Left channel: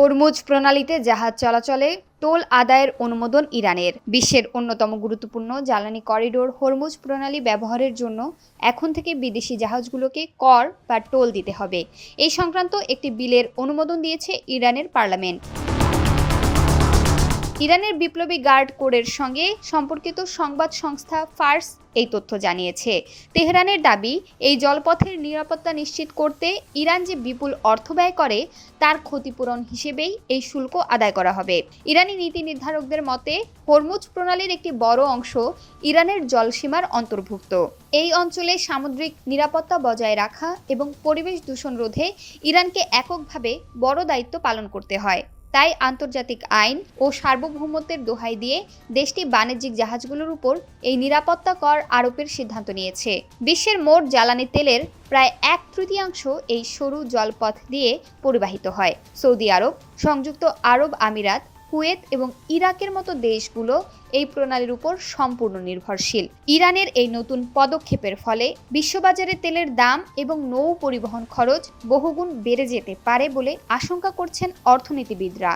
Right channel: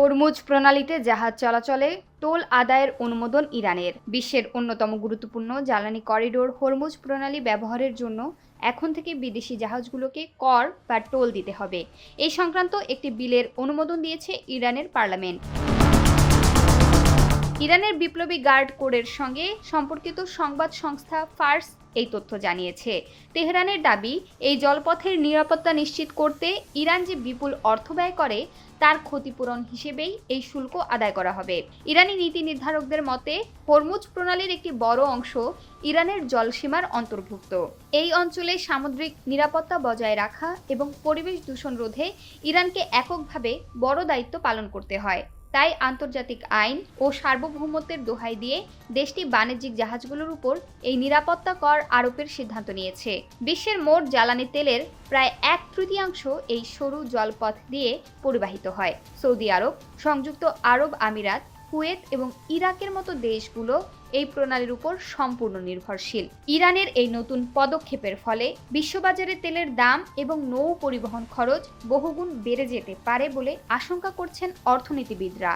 Hormuz প্রণালীতে জাহাজ চলাচলে toll আদায়ের অনুমোদন ইরানের। বিশ্বের অন্যতম গুরুত্বপূর্ণ জ্বালানি করিডোর হরমুজ প্রণালী ব্যবহারের জন্য এখন থেকে বিদেশি জাহাজগুলোকে কর বা টোল দিতে হবে। এই সংক্রান্ত একটি বিলের অনুমোদন দিয়েছে ইরানের পার্লামেন্ট। ইরানের বিপ্লবী গার্ড কোরের সঙ্গে সম্পর্কিত সংবাদ সংস্থা ফার্স এই তথ্য জানিয়েছে। তেহরানের দাবি, এই জলপথের নিরাপত্তা নিশ্চিত করতে ইরান যে বিপুল অর্থ ব্যয় করে তার ক্ষতিপূরণ হিসেবেই এই শুল্ক আদায় করা হবে। ইরানি নীতি নির্ধারকদের মতে হরমুজ প্রণালীর একটি বড় অংশ ইরানের জলসীমার অন্তর্ভুক্ত। এই অঞ্চলে সামুদ্রিক নিরাপত্তা বজায় রাখা এবং পরিবেশ দূষণ রোধে ইরানকে এককভাবে বড় দায়িত্ব পালন করতে হয়। তাই আন্তর্জাতিক আইন ও সার্বভৌমত্বের দোহাই দিয়ে দেশটি বাণিজ্যিক জাহাজগুলোর উপর এই নিরাপত্তা কর আরোপের সিদ্ধান্ত নিয়েছে। বিশ্বের মোট জ্বালানি তেলের প্রায় 1/3 এই সরু জলপথ দিয়ে পরিবাহিত হয়। সৌদি আরব, সংযুক্ত আরব আমিরাত, কুয়েত এবং ইরাকের মতো দেশগুলো এই প্রণালীর উপর সম্পূর্ণ নির্ভরশীল। ইরানের এই নতুন পদক্ষেপের ফলে বিশ্ববাজারে তেলের দাম এবং নৌ পরিবহন খরচ বহুগুণ বেড়ে যেতে পারে বলে আশঙ্কা করছেন অর্থনীতিবিদরা।